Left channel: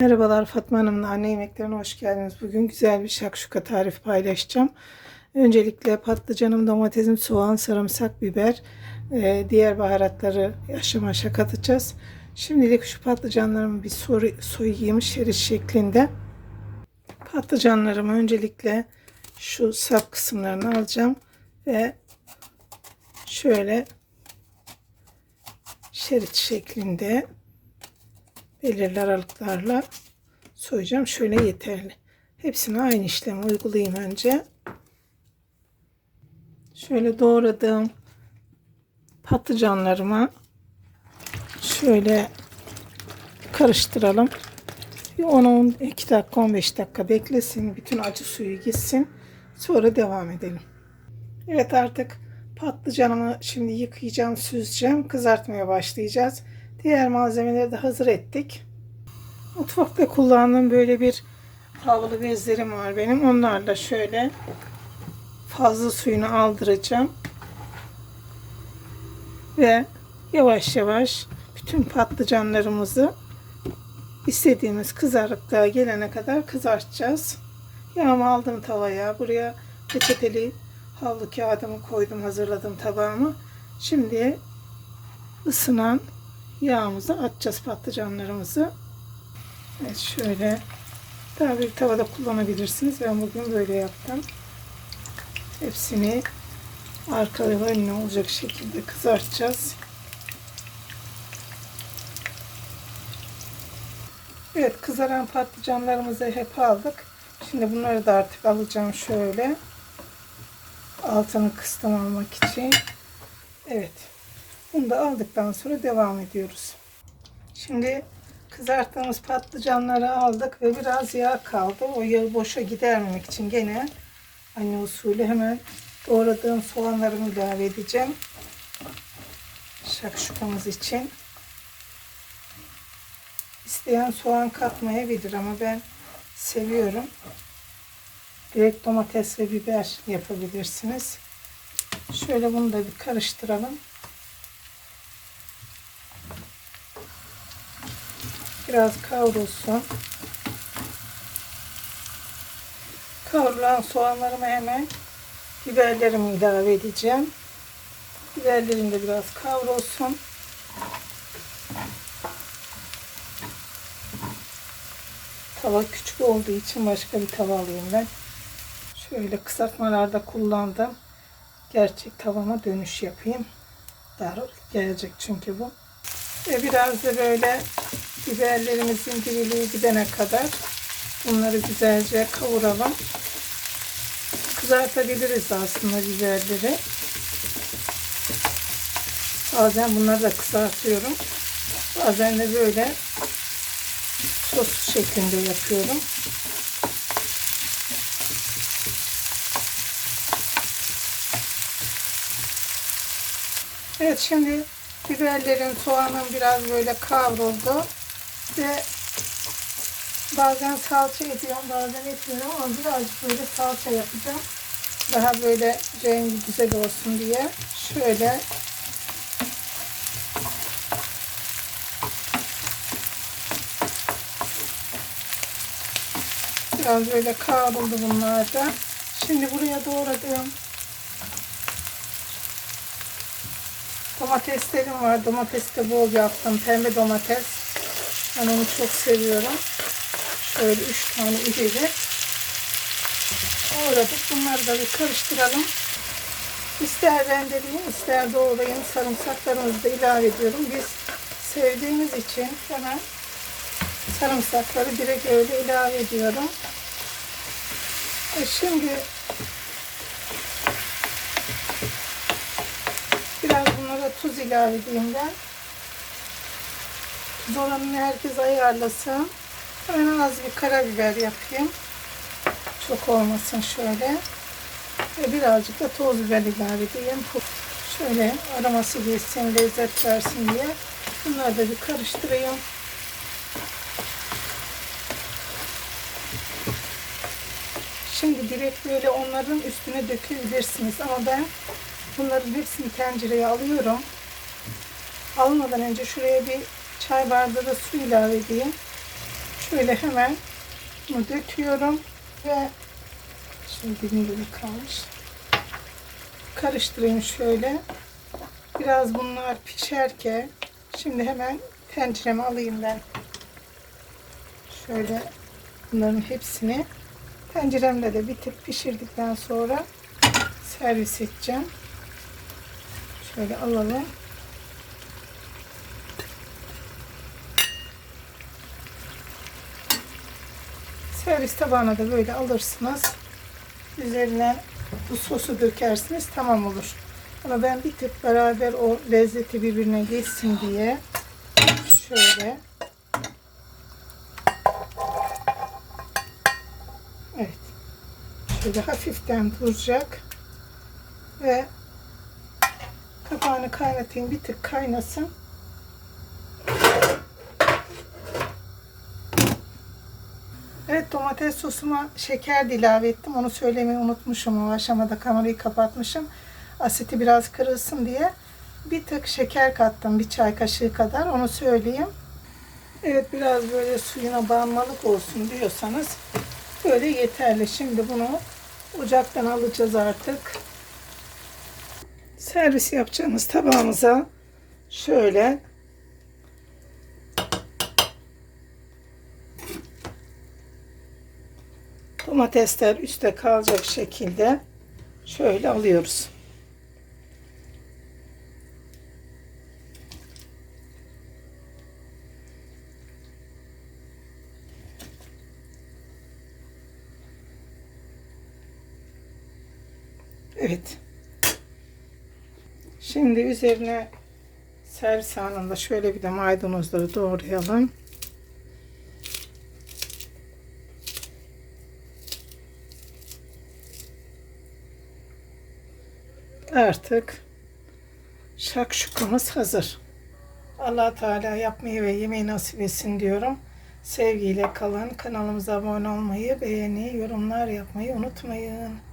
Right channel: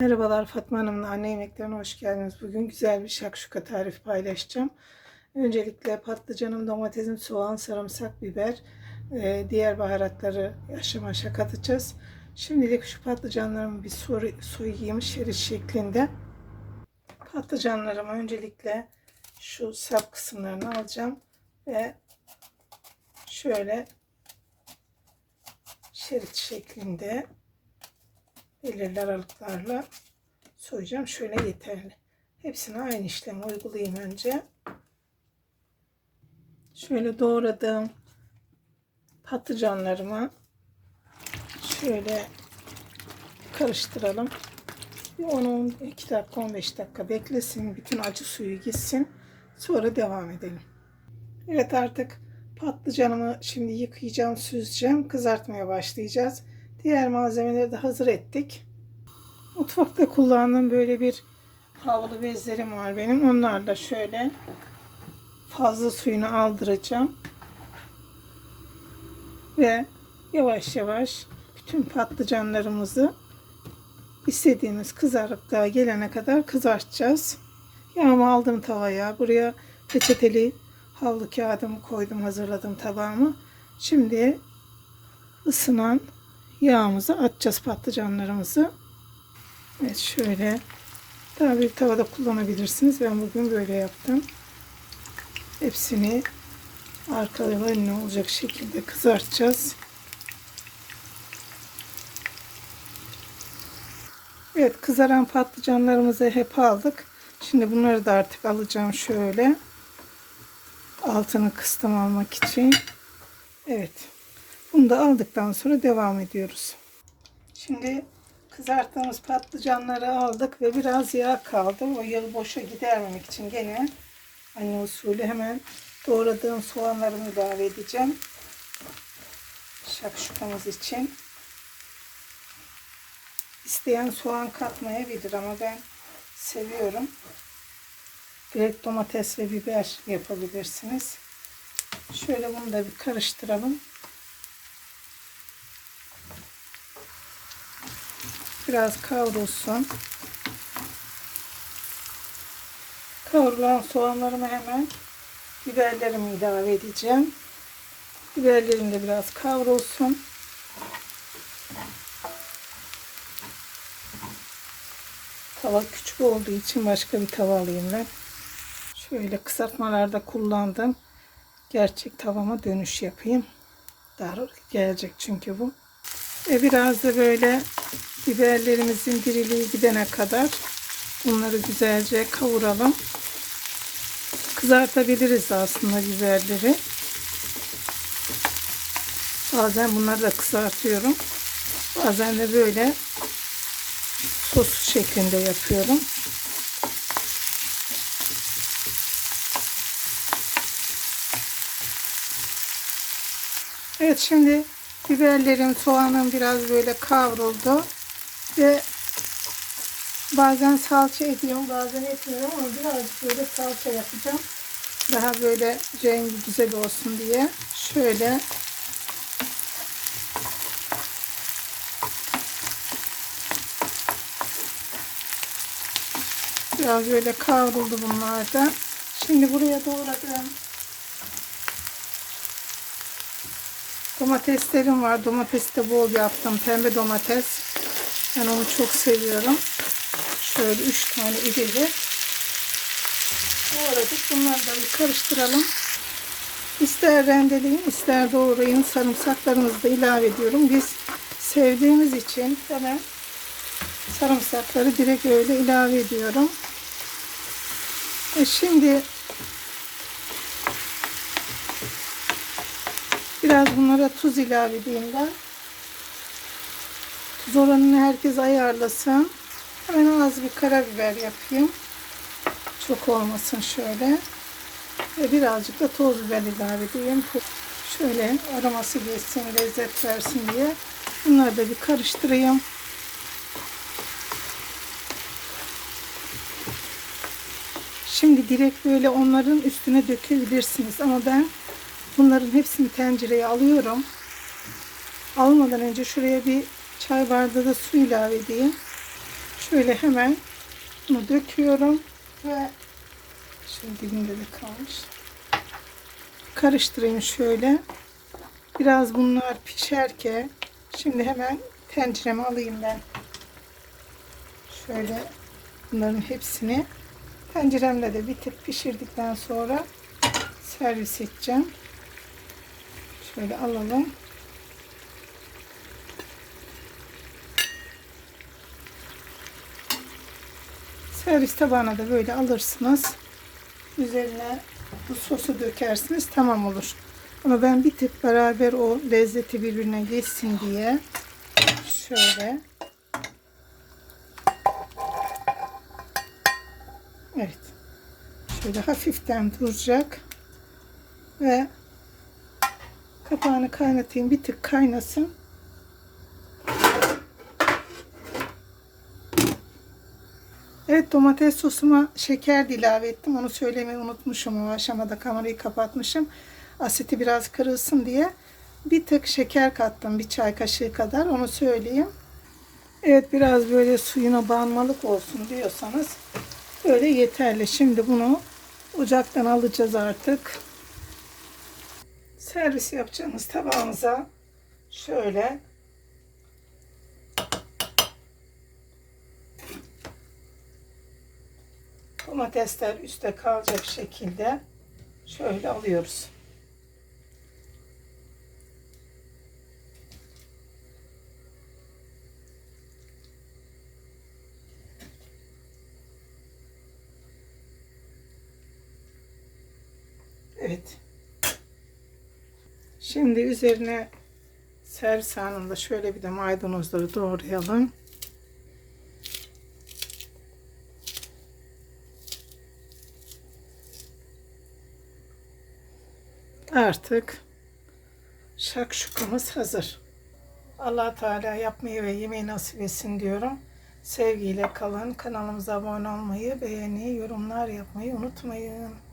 Merhabalar Fatma Hanım'la anne yemeklerine hoş geldiniz. Bugün güzel bir şakşuka tarifi paylaşacağım. Öncelikle patlıcanım, domatesim, soğan, sarımsak, biber, e, diğer baharatları aşama aşağı katacağız. Şimdilik şu patlıcanlarımı bir soy, soyayım şerit şeklinde. Patlıcanlarımı öncelikle şu sap kısımlarını alacağım ve şöyle şerit şeklinde belirli aralıklarla soyacağım. Şöyle yeterli. Hepsine aynı işlemi uygulayayım önce. Şöyle doğradığım patlıcanlarımı şöyle karıştıralım. Bir 10-12 dakika 15 dakika beklesin. Bütün acı suyu gitsin. Sonra devam edelim. Evet artık patlıcanımı şimdi yıkayacağım, süzeceğim. Kızartmaya başlayacağız. Diğer malzemeleri de hazır ettik. Mutfakta kullandığım böyle bir havlu bezlerim var benim. Onlarla şöyle fazla suyunu aldıracağım. Ve yavaş yavaş bütün patlıcanlarımızı istediğimiz kızarıklığa gelene kadar kızartacağız. Yağımı aldım tavaya. Buraya peçeteli havlu kağıdımı koydum. Hazırladım tabağımı. Şimdi ısınan yağımızı atacağız patlıcanlarımızı. Evet şöyle daha büyük tavada kullanabilirsiniz. Ben bugün böyle yaptım. Hepsini arka ve önüne olacak şekilde kızartacağız. Evet kızaran patlıcanlarımızı hep aldık. Şimdi bunları da artık alacağım şöyle. Altını kıstım almak için. Evet. Bunu da aldıktan sonra devam ediyoruz. Şimdi kızarttığımız patlıcanları aldık ve biraz yağ kaldı. O yağı boşa gidermemek için gene anne usulü hemen doğradığım soğanlarımı ilave edeceğim. Şakşukamız için. İsteyen soğan katmayabilir ama ben seviyorum. Direkt domates ve biber yapabilirsiniz. Şöyle bunu da bir karıştıralım. Biraz kavrulsun. Kavrulan soğanlarımı hemen biberlerimi ilave edeceğim. Biberlerim de biraz kavrulsun. Tava küçük olduğu için başka bir tava alayım ben. Şöyle kısaltmalarda kullandım. Gerçek tavama dönüş yapayım. Daha gelecek çünkü bu. Ve biraz da böyle biberlerimizin diriliği gidene kadar bunları güzelce kavuralım. Kızartabiliriz aslında biberleri. Bazen bunları da kızartıyorum. Bazen de böyle sos şeklinde yapıyorum. Evet şimdi biberlerim, soğanım biraz böyle kavruldu. Ve bazen salça ediyorum, bazen etmiyorum ama birazcık böyle salça yapacağım. Daha böyle rengi güzel olsun diye. Şöyle biraz böyle kavruldu bunlar da. Şimdi buraya doğradığım Domateslerim var. Domates de bol yaptım. Pembe domates. Ben onu çok seviyorum. Şöyle üç tane iri doğradık. Bunları da bir karıştıralım. İster rendeleyin, ister doğrayın. Sarımsaklarımızı da ilave ediyorum. Biz sevdiğimiz için hemen sarımsakları direkt öyle ilave ediyorum. E şimdi Biraz bunlara tuz ilave edeyim ben. Tuz oranını herkes ayarlasın. Hemen az bir karabiber yapayım. Çok olmasın şöyle. Ve birazcık da toz biber ilave edeyim. Şöyle aroması geçsin, lezzet versin diye. Bunları da bir karıştırayım. Şimdi direkt böyle onların üstüne dökebilirsiniz. Ama ben Bunların hepsini tencereye alıyorum. Almadan önce şuraya bir çay bardağı da su ilave edeyim. Şöyle hemen bunu döküyorum ve şimdi dilimde bir kalmış. Karıştırayım şöyle. Biraz bunlar pişerken şimdi hemen tencereme alayım ben. Şöyle bunların hepsini tenceremde de bir tık pişirdikten sonra servis edeceğim. Şöyle alalım. Servis tabağına da böyle alırsınız. Üzerine bu sosu dökersiniz tamam olur. Ama ben bir tık beraber o lezzeti birbirine geçsin diye şöyle Evet. Şöyle hafiften duracak ve kapağını kaynatayım. Bir tık kaynasın. Evet domates sosuma şeker de ilave ettim. Onu söylemeyi unutmuşum. O aşamada kamerayı kapatmışım. Asiti biraz kırılsın diye. Bir tık şeker kattım. Bir çay kaşığı kadar. Onu söyleyeyim. Evet biraz böyle suyuna bağımlılık olsun diyorsanız böyle yeterli. Şimdi bunu ocaktan alacağız artık. Servis yapacağımız tabağımıza şöyle domatesler üstte kalacak şekilde şöyle alıyoruz. Evet. Şimdi üzerine servis anında şöyle bir de maydanozları doğrayalım. Artık şakşukamız hazır. allah Teala yapmayı ve yemeği nasip etsin diyorum. Sevgiyle kalın. Kanalımıza abone olmayı, beğeni, yorumlar yapmayı unutmayın.